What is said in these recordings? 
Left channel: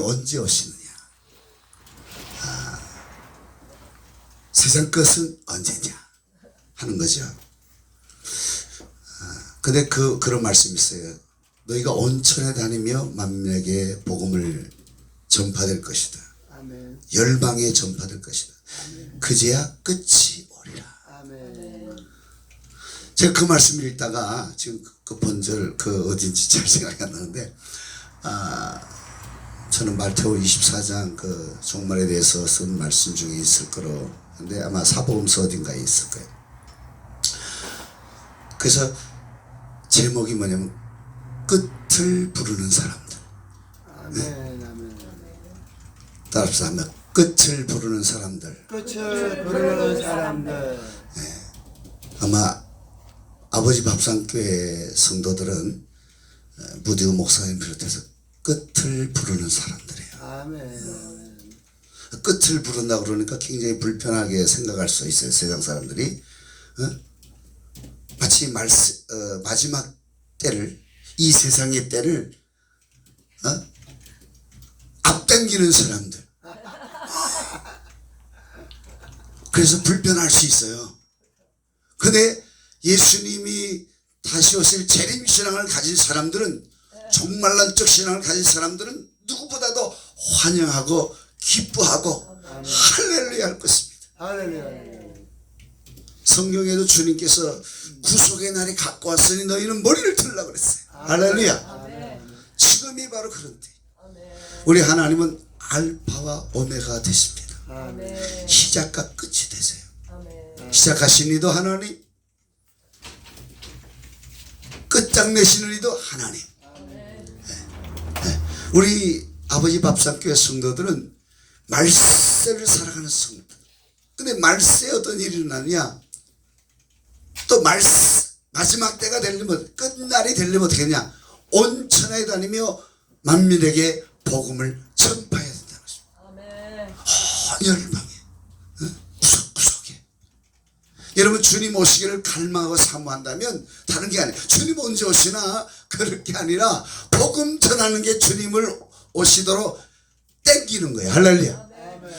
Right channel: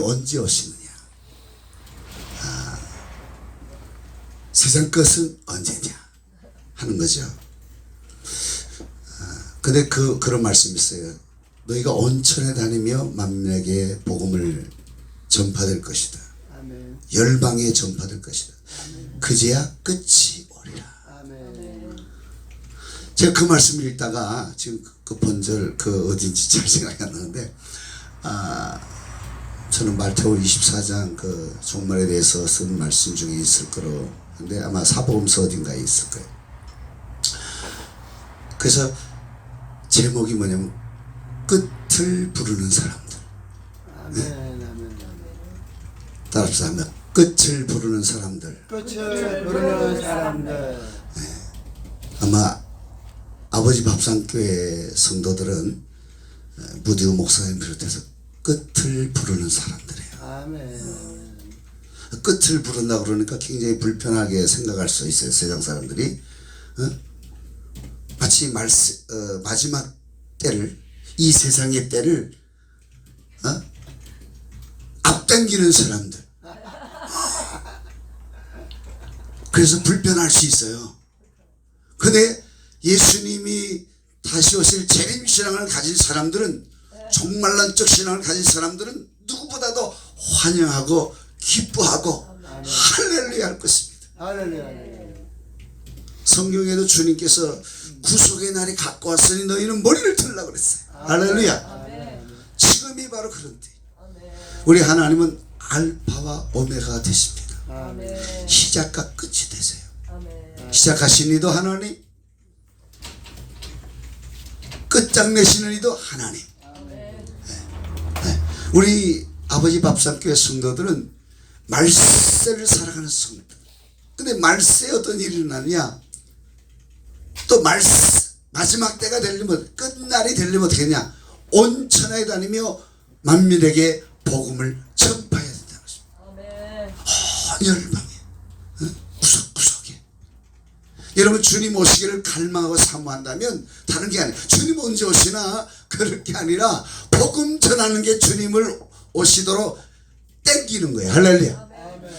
언제 오시느냐? 세상 것은 언제냐 하는 거죠. 근데 그런 말씀이 있어요. 너희가 온천에 다니며 만민에게 복음을 전파될 것이다. 아멘. 열방에 전파될 것이다. 아멘. 그제야 끝이 오리라. 아멘. 제가 그 말씀을 읽다가 지금 그 본절 어딘지 잘 생각이 안 나는데, 저는 마태복음 24장 그 종말에 대해서 쓴 말씀 중에 있을 거로 근데 아마 사복음서 어딘가에 있을 거예요. 그래서 제목이 뭐냐면 끝을 부르는 사람들. 아멘. 아멘. 따라서 한번 끝을 부르는 사람들. 끝을 부르는 사람들. 아마 아버지 밥상교회 성도들은 무디오 목사님 비롯해서 끝을 부르는 사람들이에요. 아멘. 끝을 부른다 그러니까 굉장히 불편하게 생각할 수 있어요. 세상 사람들이. 마치 마지막 때를, 이 세상의 때를 앞당기는 사람들. 그래서 불편할 수 있어요. 근데 예수님이 다시 오실 재림신앙을 가진 사람들은, 종말론적 신앙을 가진 사람들은 누구보다도 환영하고 기뻐하고 할렐루야 할 것입니다. 할렐루야. 성경에도 주님께서 구속의 날이 갖고 왔으니 너희는 머리를 들으라고 그랬어요. 할렐루야. 지금이 바로 그런 때. 우리 하나님은 알파와 오메가 되십니다. 아멘. 시작과 끝이 되세요. 시작하신 이도 하나님, 끝장내시는 이도 하나님. 우리 아버지 밥상교회 성도들은 말세를 살아가는 성도들. 근데 말세에 어떤 일이 일어나냐? 또 마지막 때가 되려면, 끝날이 되려면 어떻게 하냐? 온천하에 다니며 만민에게 복음을 전파해야 된다는 것입니다. 열방에, 구석구석에. 여러분, 주님 오시기를 갈망하고 사모한다면 다른 게 아니에요. 주님 언제 오시나? 그럴 게 아니라 복음 전하는 게 주님을 오시도록 땡기는 거예요. 할렐루야.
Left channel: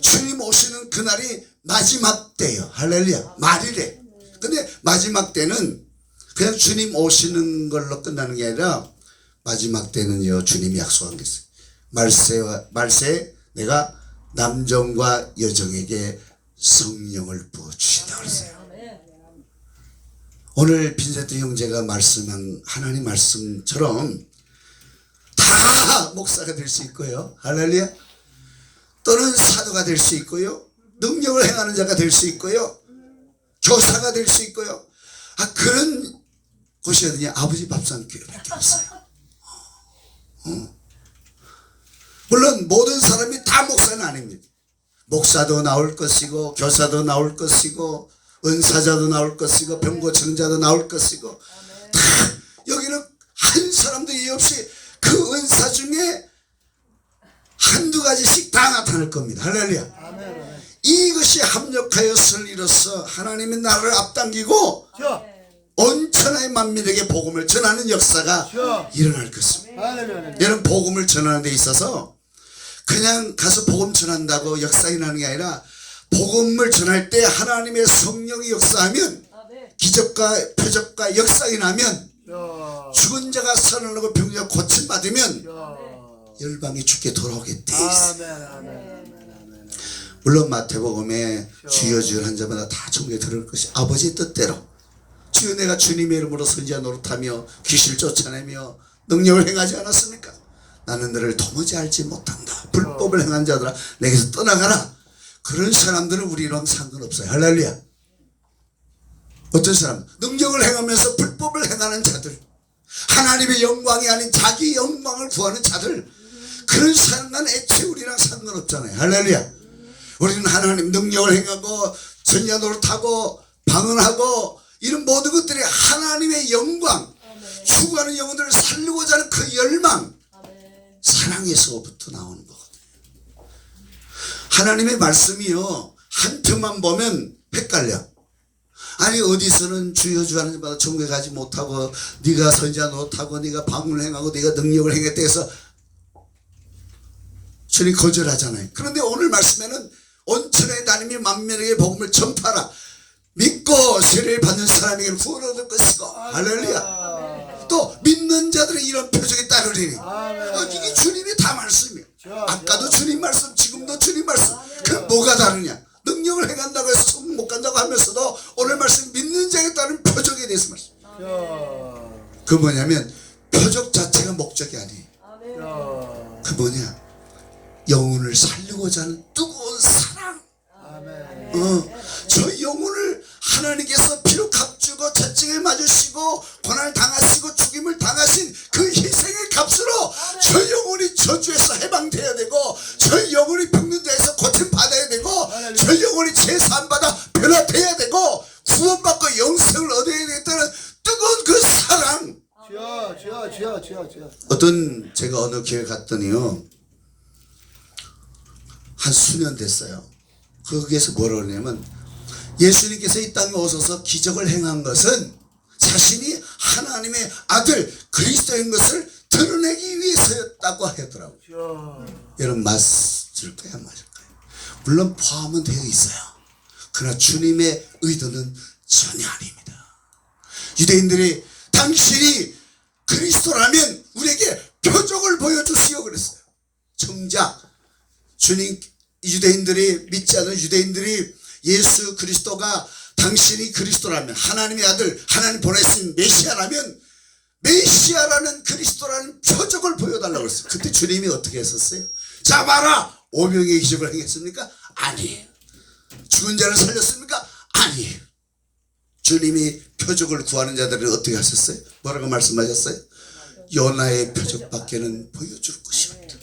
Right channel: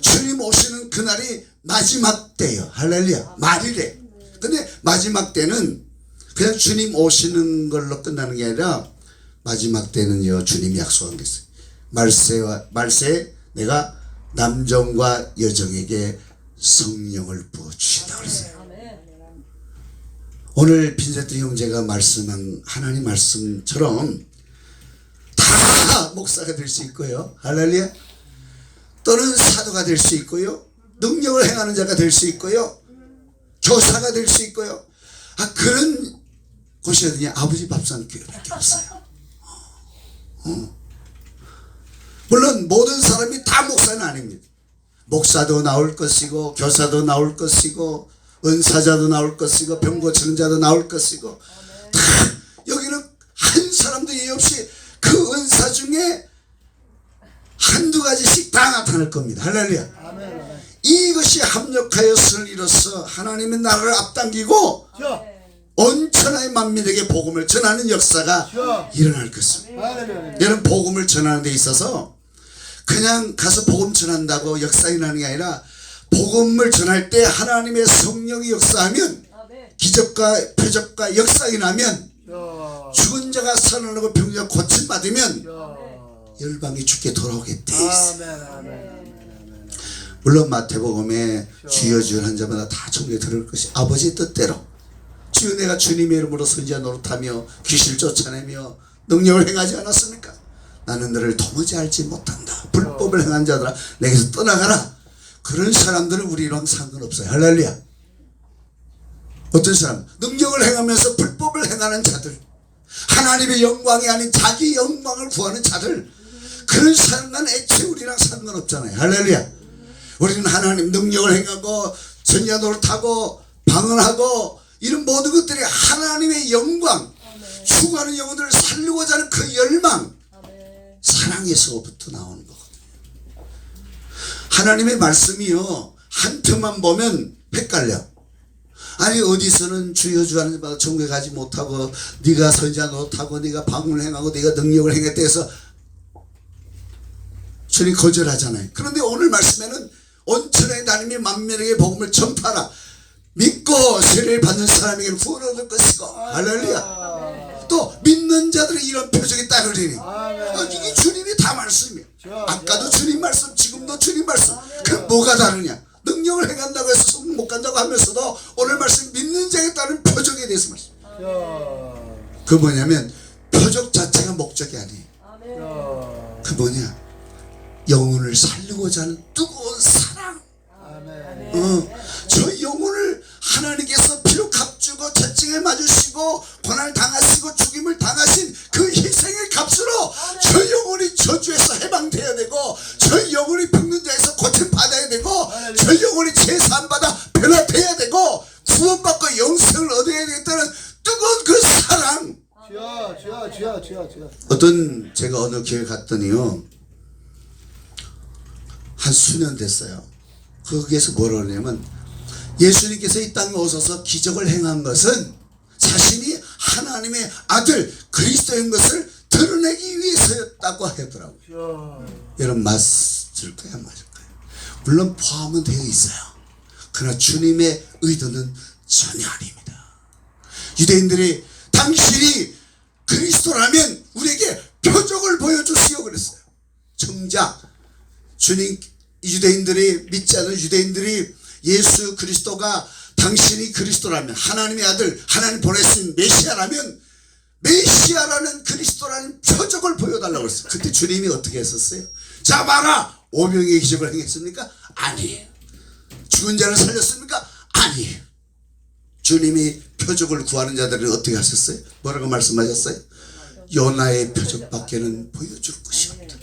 주님 오시는 그날이 마지막 때예요. 할렐루야. 말이래. 근데 마지막 때는 그냥 주님 오시는 걸로 끝나는 게 아니라, 마지막 때는요, 주님이 약속한 게 있어요. 말세에 내가 남정과 여정에게 성령을 부어주시다 그랬어요. 오늘 빈세트 형제가 말씀한 하나님 말씀처럼 다 목사가 될 수 있고요. 할렐루야. 또는 사도가 될 수 있고요. 능력을 행하는 자가 될 수 있고요. 교사가 될 수 있고요. 그런 곳이 어디냐? 아버지 밥상교회밖에 없어요. 물론 모든 사람이 다 목사는 아닙니다. 목사도 나올 것이고, 교사도 나올 것이고, 은사자도 나올 것이고, 병고청자도 나올 것이고, 다 여기는 한 사람도 예의 없이 그 은사 중에 한두 가지씩 다 나타날 겁니다. 할렐루야. 이것이 합력하여서를 이뤄서 하나님의 나라를 앞당기고 온천하의 만민에게 복음을 전하는 역사가 일어날 것입니다. 여러분, 복음을 전하는 데 있어서 그냥 가서 복음 전한다고 역사 일어나는 게 아니라, 복음을 전할 때 하나님의 성령이 역사하면, 기적과 표적과 역사 일어나면, 죽은 자가 살아나고 병자가 고침받으면 열방이 주께 돌아오게 돼 있어요. 물론 마태복음에 주여 주여 한 자마다 다 종에 들을 것이 아버지의 뜻대로, 주여 내가 주님의 이름으로 선지자 노릇하며 귀신을 쫓아내며 능력을 행하지 않았습니까? 나는 너를 도무지 알지 못한다. 불법을 행한 자들아 내게서 떠나가라. 그런 사람들은 우리랑 상관없어요. 할렐루야. 어떤 사람? 능력을 행하면서 불법을 행하는 자들, 하나님의 영광이 아닌 자기 영광을 구하는 자들, 그런 사람은 애초에 우리랑 상관없잖아요. 할렐루야. 우리는 하나님 능력을 행하고 선지자 노릇하고 방언하고 이런 모든 것들이 하나님의 영광, 추구하는 영혼들을 살리고자 하는 그 열망, 사랑에서부터 나오는 거거든요. 하나님의 말씀이요, 한 편만 보면 헷갈려. 아니, 어디서는 주여 주 하는 자마다 천국에 가지 못하고, 네가 선지자 노릇하고 네가 방언을 행하고 네가 능력을 행했다 해서 주님 거절하잖아요. 그런데 오늘 말씀에는 온천의 하나님이 만민에게 복음을 전파하라. 믿고 세례를 받는 사람에게 구원 얻을 것이고. 할렐루야. 또 믿는 자들의 이런 표적이 따르리니. 이게 주님이 다 말씀이에요. 아까도 주님 말씀, 지금도 주님 말씀. 그 뭐가 다르냐? 능력을 행한다고 해서 소문 못 간다고 하면서도 오늘 말씀 믿는 자에 따른 표적에 대해서 말씀. 그 뭐냐면 표적 자체가 목적이 아니에요. 그 뭐냐? 영혼을 살리고자 하는 뜨거운 사랑. 저 영혼을 하나님께서 피로 값주고 채찍에 맞으시고 고난을 당하시고 죽임을 당하신 그 희생의 값으로 저 영혼이 저주에서 해방돼야 되고, 저 영혼이 병든 자에서 고침 받아야 되고, 저 영혼이 제사함받아 변화돼야 되고, 구원받고 영생을 얻어야 되겠다는 뜨거운 그 사랑. 어떤 제가 어느 교회 갔더니요, 한 수년 됐어요. 거기에서 뭐라 그러냐면, 예수님께서 이 땅에 오셔서 기적을 행한 것은 자신이 하나님의 아들 그리스도인 것을 드러내기 위해서였다고 하더라고요. 여러분 맞을 거야, 안 맞을 거야? 물론 포함은 되어 있어요. 그러나 주님의 의도는 전혀 아닙니다. 유대인들이 당신이 그리스도라면 우리에게 표적을 보여주시오 그랬어요. 정작 주님, 유대인들이 믿지 않는 유대인들이 예수 그리스도가 당신이 그리스도라면, 하나님의 아들, 하나님 보내신 메시아라면 메시아라는 그리스도라는 표적을 보여달라고 했어요. 그때 주님이 어떻게 했었어요? 자 봐라! 오병이의 기적을 행했습니까? 아니에요. 죽은 자를 살렸습니까? 아니에요. 주님이 표적을 구하는 자들은 어떻게 하셨어요? 뭐라고 말씀하셨어요? 요나의 표적밖에는 보여줄 것이 없다.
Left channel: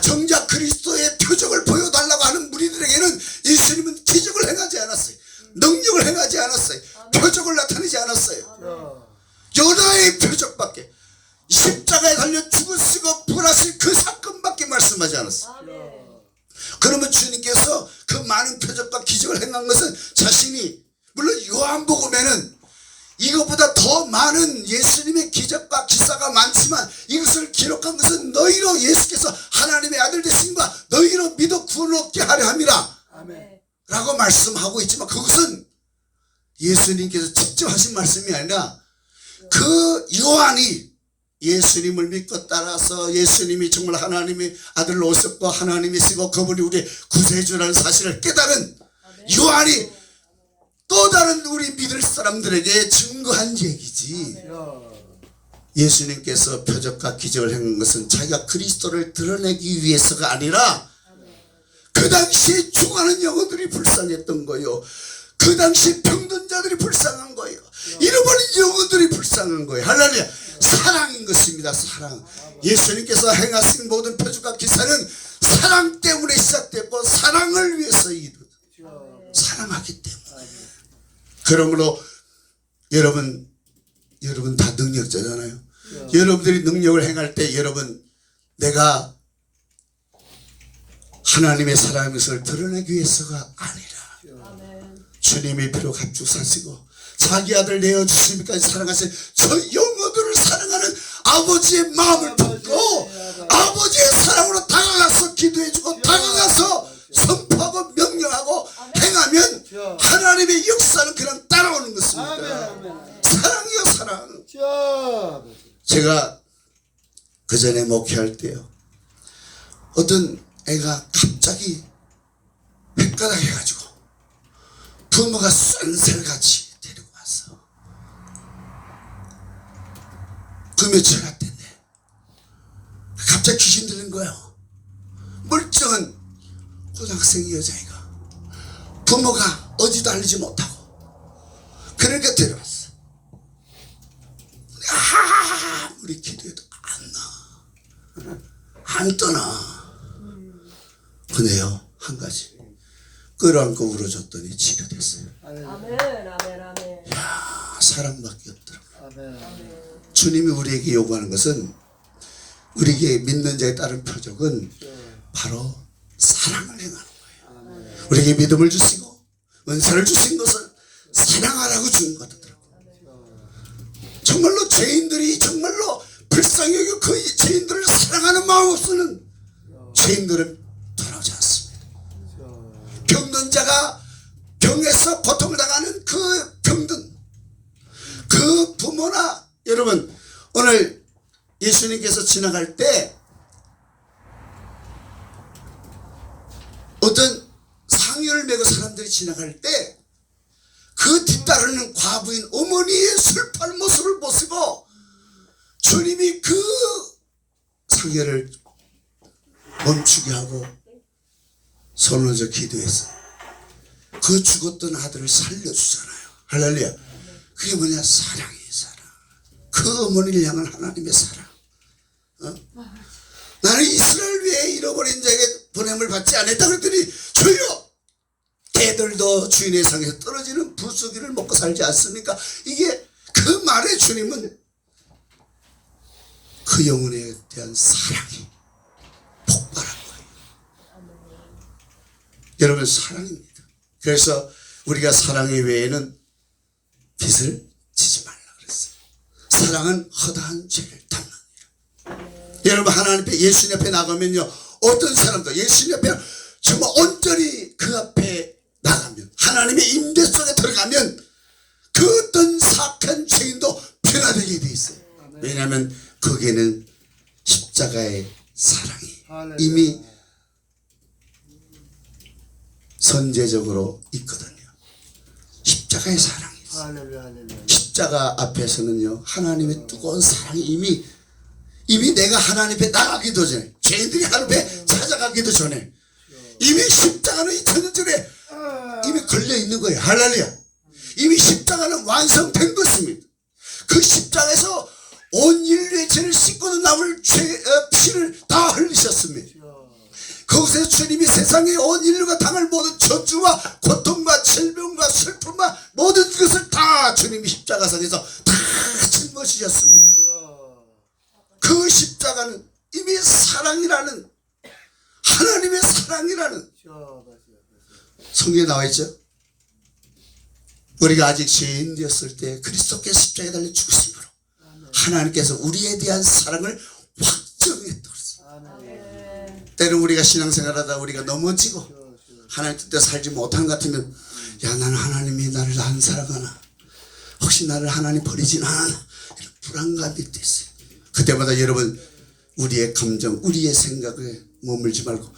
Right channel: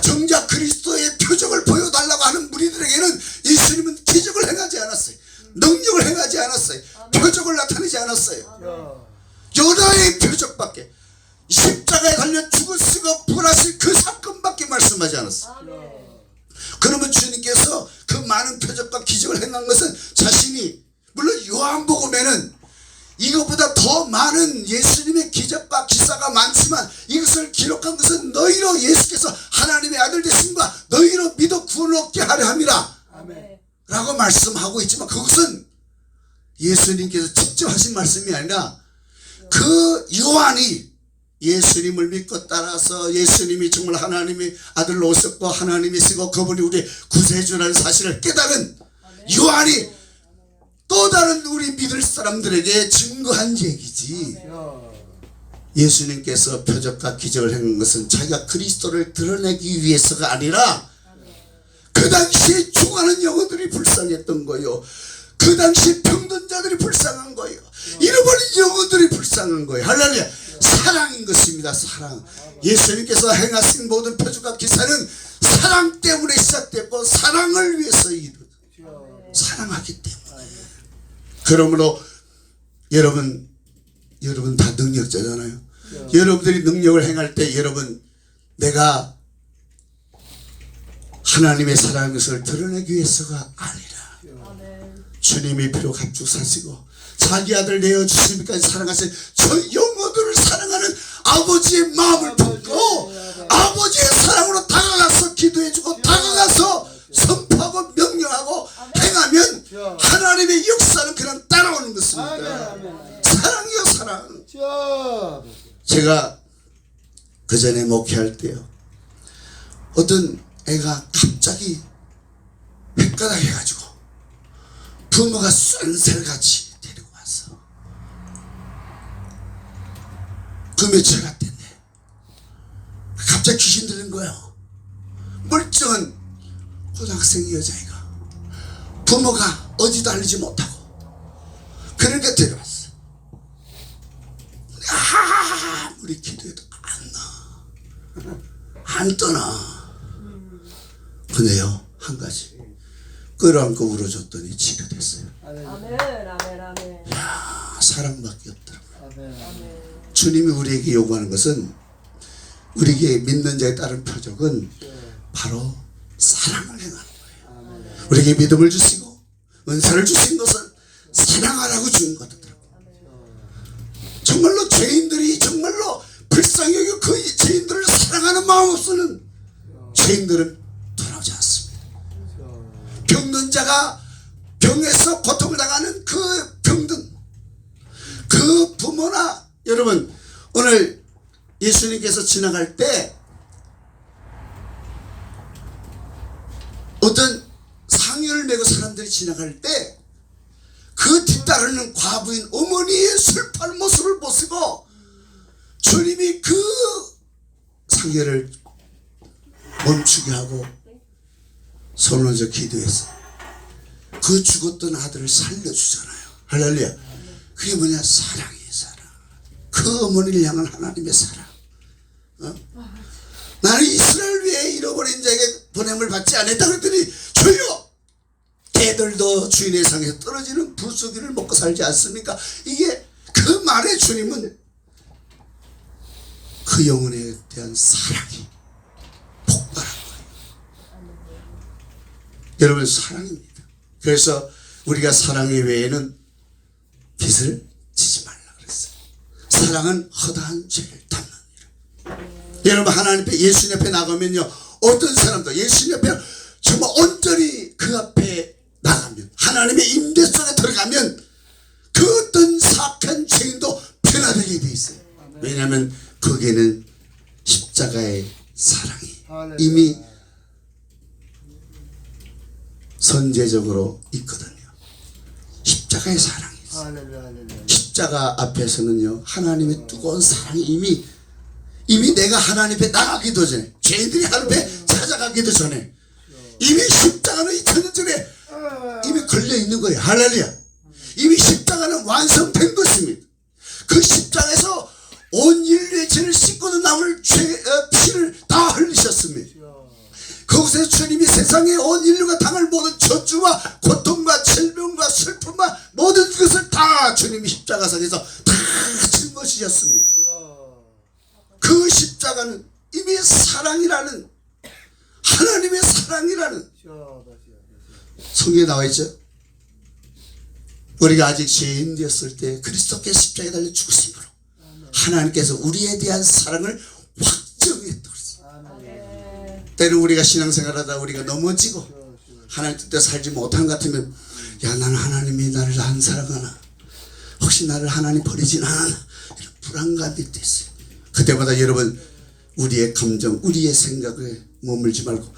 정작 그리스도의 표적을 보여달라고 하는 무리들에게는 예수님은 기적을 행하지 않았어요. 능력을 행하지 않았어요. 표적을 나타내지 않았어요. 요나의 표적밖에, 십자가에 달려 죽으시고 부활하신 그 사건밖에 말씀하지 않았어요. 그러면 주님께서 그 많은 표적과 기적을 행한 것은 자신이, 물론 요한복음에는 이것보다 더 많은 예수님의 기적과 기사가 많지만 이것을 기록한 것은 너희로 예수께서 하나님의 아들 되심과 너희로 믿어 구원을 얻게 하려 함이라 라고 말씀하고 있지만, 그것은 예수님께서 직접 하신 말씀이 아니라 그 요한이 예수님을 믿고 따라서 예수님이 정말 하나님의 아들로 오셨고 하나님이시고 그분이 우리의 구세주라는 사실을 깨달은 요한이 또 다른 우리 믿을 사람들에게 증거한 얘기지. 예수님께서 표적과 기적을 행한 것은 자기가 그리스도를 드러내기 위해서가 아니라 그 당시에 죽어가는 영혼들이 불쌍했던 거예요. 그 당시 병든 자들이 불쌍한 거예요. 잃어버린 영혼들이 불쌍한 거예요. 할렐루야. 사랑인 것입니다. 사랑. 예수님께서 행하신 모든 표적과 기사는 사랑 때문에 시작됐고 사랑을 위해서 사랑하기 때문에. 그러므로 여러분 다 능력자잖아요. 여러분들이 능력을 행할 때 여러분, 내가 하나님의 사랑의 것을 드러내기 위해서가 아니라 주님이 피로 값주고 사시고 자기 아들 내어주시기까지 사랑하신 저 영혼들을 사랑하는 아버지의 마음을 품고 아버지의 사랑으로 다가가서 기도해주고 다가가서 선포하고 명령하고 행하면 하나님의 역사는 그냥 따라오는 것입니다. 사랑이요, 사랑. 제가 그 전에 목회할 때요, 어떤 애가 갑자기 헷가닥 해가지고 부모가 쏜살같이 데리고 왔어. 그 며칠 갔댔네. 갑자기 귀신 들린 거예요. 멀쩡한 고등학생 여자애가 부모가 어디도 알리지 못하고 그러니까 데려왔어. 아무리 기도해도 안 떠나. 근데요, 한 가지 끌어안고 울어줬더니 치료됐어요. 이야, 사랑밖에 없더라고요. 주님이 우리에게 요구하는 것은, 우리에게 믿는 자에 따른 표적은 바로 사랑을 행하는 거예요. 우리에게 믿음을 주시고 은사를 주신 것을 사랑하라고 주는 거더라고요. 정말로 죄인들이 정말로 불쌍히 여기고 그 죄인들을 사랑하는 마음 없으면 죄인들은 돌아오지 않습니다. 병든 자가 병에서 고통을 당하는 그 병든 그 부모나 여러분 오늘 예수님께서 지나갈 때 어떤 상여를 메고 사람들이 지나갈 때 그 뒤따르는 과부인 어머니의 슬픈 모습을 보시고 주님이 그 상여를 멈추게 하고 손을 얹어 기도해서 그 죽었던 아들을 살려주잖아요. 할렐루야. 그게 뭐냐? 사랑이 사랑. 그 어머니를 향한 하나님의 사랑. 나는 이스라엘 위에 잃어버린 자에게 보냄을 받지 않았다 그랬더니 주여 개들도 주인의 상에서 떨어지는 불쏘기를 먹고 살지 않습니까? 이게 그 말에 주님은 그 영혼에 대한 사랑이 폭발한 거예요. 여러분 사랑입니다. 그래서 우리가 사랑의 외에는 빚을 지지 말라 그랬어요. 사랑은 허다한 죄를 닦느니라. 여러분 하나님 앞에 예수님 앞에 나가면요 어떤 사람도 예수님 앞에 정말 온전히 그 앞에 나가면 하나님의 임재 속에 들어가면 그 어떤 사악한 죄인도 변화되게 돼 있어요. 왜냐하면 거기에는 십자가의 사랑이 이미 선제적으로 있거든요. 십자가의 사랑이 있어요. 십자가 앞에서는요 하나님의 뜨거운 사랑이 이미 내가 하나님 앞에 나가기도 전에 죄인들이 하나님 앞에 찾아가기도 전에 이미 십자가는 2000년 전에 이미 걸려있는 거예요. 할렐루야. 이미 십자가는 완성된 것입니다. 그 십자가에서 온 인류의 죄를 씻고도 남을 피를 다 흘리셨습니다. 거기서 주님이 세상에 온 인류가 당할 모든 저주와 고통과 질병과 슬픔과 모든 것을 다 주님이 십자가상에서 다 짊어지셨습니다. 그 십자가는 이미 사랑이라는 하나님의 사랑이라는 성경에 나와 있죠. 우리가 아직 죄인 되었을 때 그리스도께서 십자가에 달려 죽으심으로 하나님께서 우리에 대한 사랑을 확정했다. 때는 우리가 신앙생활하다 우리가 넘어지고 하나님 뜻대로 살지 못한 것 같으면 야 나는 하나님이 나를 안 사랑하나 혹시 나를 하나님 버리진 않아 이런 불안감이 있어요. 그때마다 여러분 우리의 감정 우리의 생각에 머물지 말고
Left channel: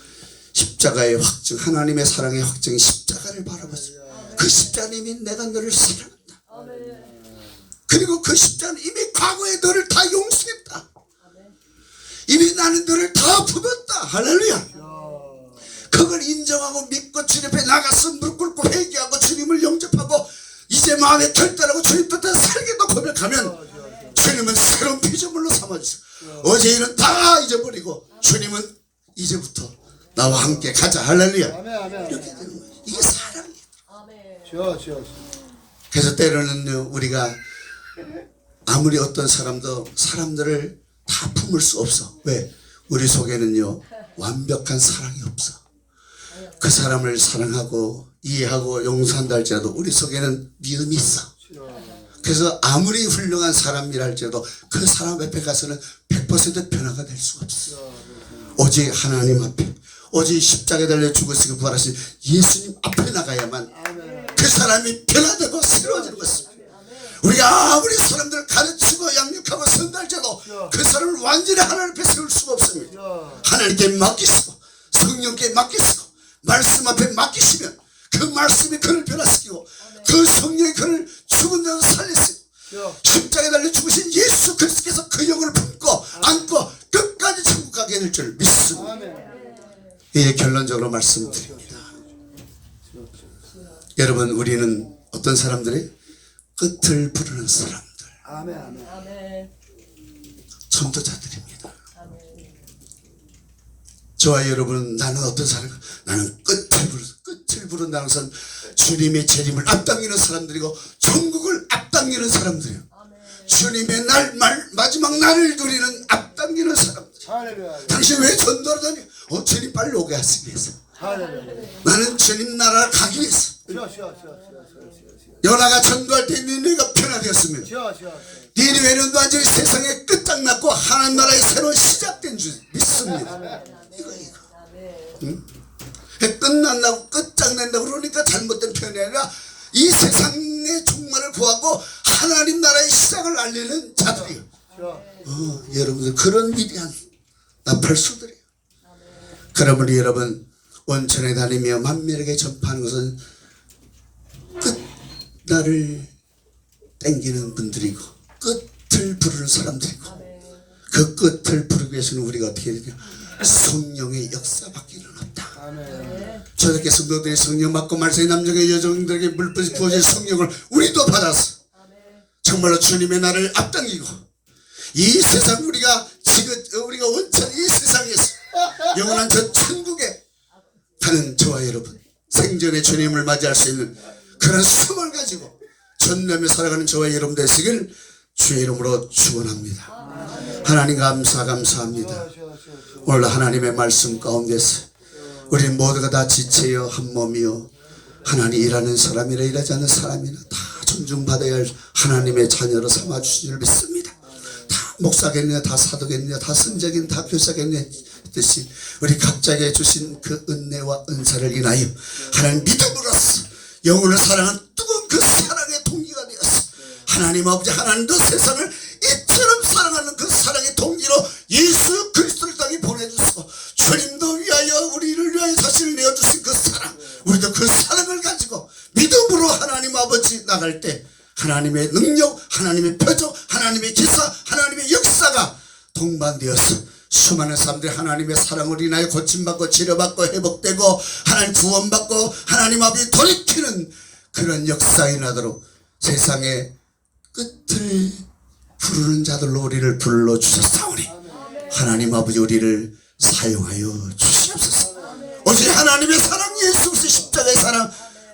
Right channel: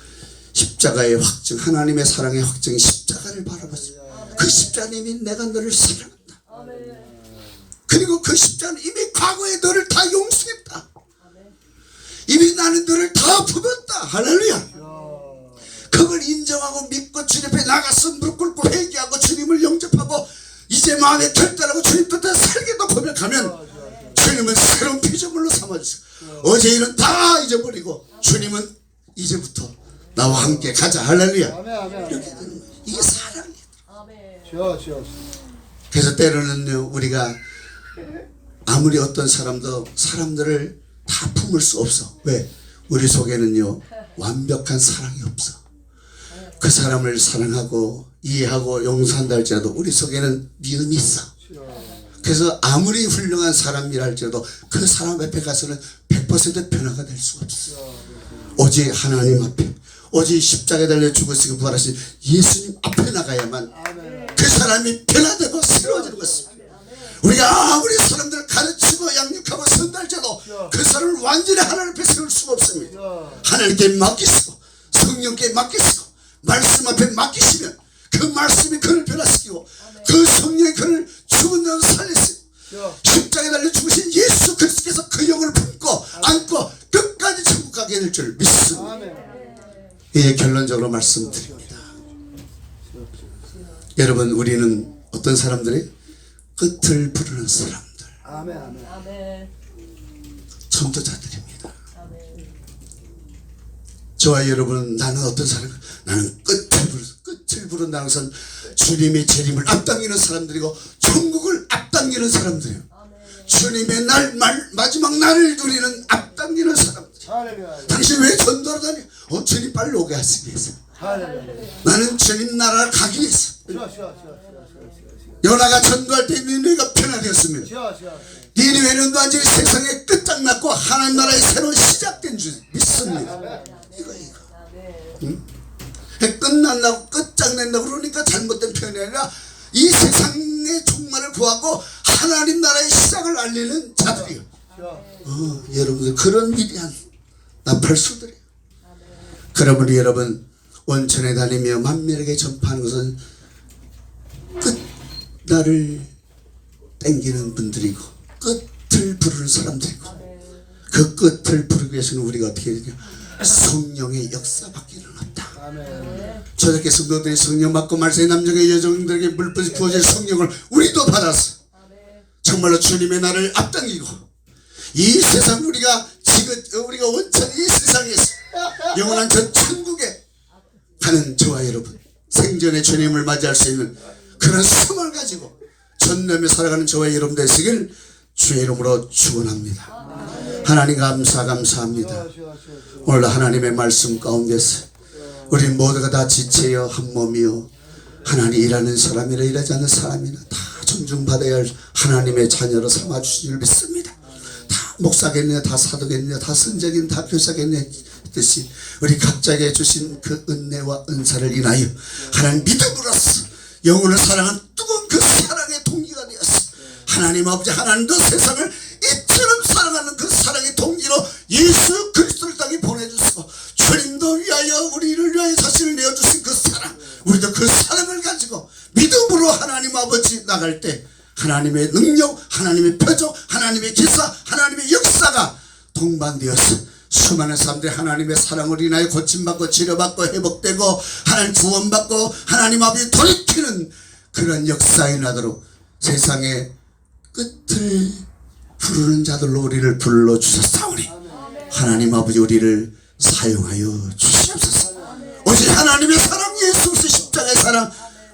십자가의 확증 하나님의 사랑의 확증 십자가를 바라보세요. 그 십자가는 이미 내가 너를 사랑한다. 그리고 그 십자가는 이미 과거에 너를 다 용서했다. 이미 나는 너를 다 품었다. 할렐루야. 그걸 인정하고 믿고 주님 앞에 나가서 무릎 꿇고 회개하고 주님을 영접하고 이제 마음에 결단하고 주님 뜻대로 살기도 고백하면 주님은 새로운 피조물로 삼아주세요. 어제 일은 다 잊어버리고 주님은 이제부터 나와 함께 가자. 할렐루야. 이렇게 되는 거예요. 이게 사랑이에요. 그래서 때로는 우리가 아무리 어떤 사람들을 다 품을 수 없어. 왜? 우리 속에는요 완벽한 사랑이 없어. 그 사람을 사랑하고 이해하고 용서한다 할지라도 우리 속에는 미움이 있어. 그래서 아무리 훌륭한 사람이라 할지라도 그 사람 앞에 가서는 100% 변화가 될 수가 없어. 오직 하나님 앞에 오직 십자가에 달려 죽으시고 부활하신 예수님 앞에 나가야만 그 사람이 변화되고 새로워지는 것입니다. 우리가 아무리 사람들을 가르치고 양육하고 선달자도 그 사람을 완전히 하나님 앞에 세울 수가 없습니다. 하나님께 맡기시고 성령께 맡기시고 말씀 앞에 맡기시면 그 말씀이 그를 변화시키고 그 성령이 그를 죽은 자로 살리시고 십자가에 달려 죽으신 예수 그리스도께서 그 영을 품고 안고 끝까지 천국 가게 될 줄 믿습니다. 예, 결론적으로 말씀드립니다. 여러분 우리는 어떤 사람들이 끝을 부르는 사람들 전도자들입니다. 저와 여러분 나는 어떤 사람 나는 끝을 부른다는 것은 주님의 재림을 앞당기는 사람들이고 천국을 앞당기는 사람들이에요. 주님의 마지막 날을 누리는 앞당기는 사람들. 당신 왜 전도를 다니? 주님 빨리 오게 하시기 위해서. 나는 주님 나라 가기 위해서. 요나가 전도할 때 니네가 변화되었으면 니네는 완전히 세상에 끝장났고 하나님 나라의 새로운 시작된 줄 믿습니다. 이거 끝난다고 끝장낸다고 그러니까 잘못된 표현이 아니라 이 세상의 종말을 구하고 하나님 나라의 시작을 알리는 자들이요. 여러분들 그런 위대한 나팔수들이에요. 그러므로 여러분 온천에 다니며 만민에게 전파하는 것은 끝날을 땡기는 분들이고 끝을 부르는 사람들이고 그 끝을 부르기 위해서는 우리가 어떻게 해야 되냐, 성령의 역사밖에는 없다. 저렇게 성도들이 성령 받고 말씀의 남자의 여정들에게 물불이 부어질 성령을 우리도 받았어. 정말로 주님의 나를 앞당기고 이 세상 우리가 지금 우리가 원천 이 세상에서 영원한 저 천국에 가는 저와 여러분 생전에 주님을 맞이할 수 있는 그런 숨을 가지고 전념에 살아가는 저와 여러분 되시길 주의 이름으로 축원합니다. 하나님 감사합니다. 오늘 하나님의 말씀 가운데서 우리 모두가 다 지체여 한 몸이요 하나님 일하는 사람이나 일하지 않는 사람이나 다 존중받아야 할 하나님의 자녀로 삼아주신 줄 믿습니다. 다 목사겠느냐 다 사도겠느냐 다 선자겠느냐 다 교사겠느냐 뜻이 우리 각자에게 주신 그 은혜와 은사를 인하여 하나님 믿음으로써 영혼을 사랑한 뜨거운 그 사랑의 동기가 되었어. 하나님 아버지 하나님도 세상을 이처럼 사랑하는 그 사랑의 동기로 예수 그리스도를 땅에 보내주시고 주님도 위하여 우리를 위하여 자신을 내어주신 그 사랑 우리도 그 사랑을 가지고 믿음으로 하나님 아버지 나갈 때 하나님의 능력 하나님의 표적 하나님의 기사 하나님의 역사가 동반되어서 수많은 사람들이 하나님의 사랑을 인하여 고침받고 치료받고 회복되고 하나님 구원받고 하나님 아버지 돌이키는 그런 역사에 나도록 세상의 끝을 부르는 자들로 우리를 불러주셨사오니 하나님 아버지 우리를 사용하여 주시옵소서. 오직 하나님의 사랑 예수 그리스도 십자가의 사랑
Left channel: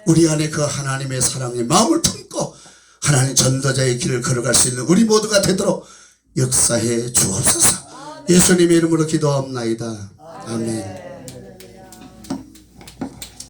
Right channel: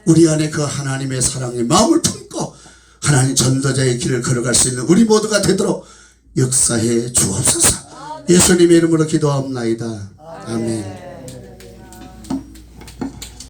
우리 안에 그 하나님의 사랑의 마음을 품고 하나님 전도자의 길을 걸어갈 수 있는 우리 모두가 되도록 역사해 주옵소서. 예수님의 이름으로 기도합나이다. 아멘.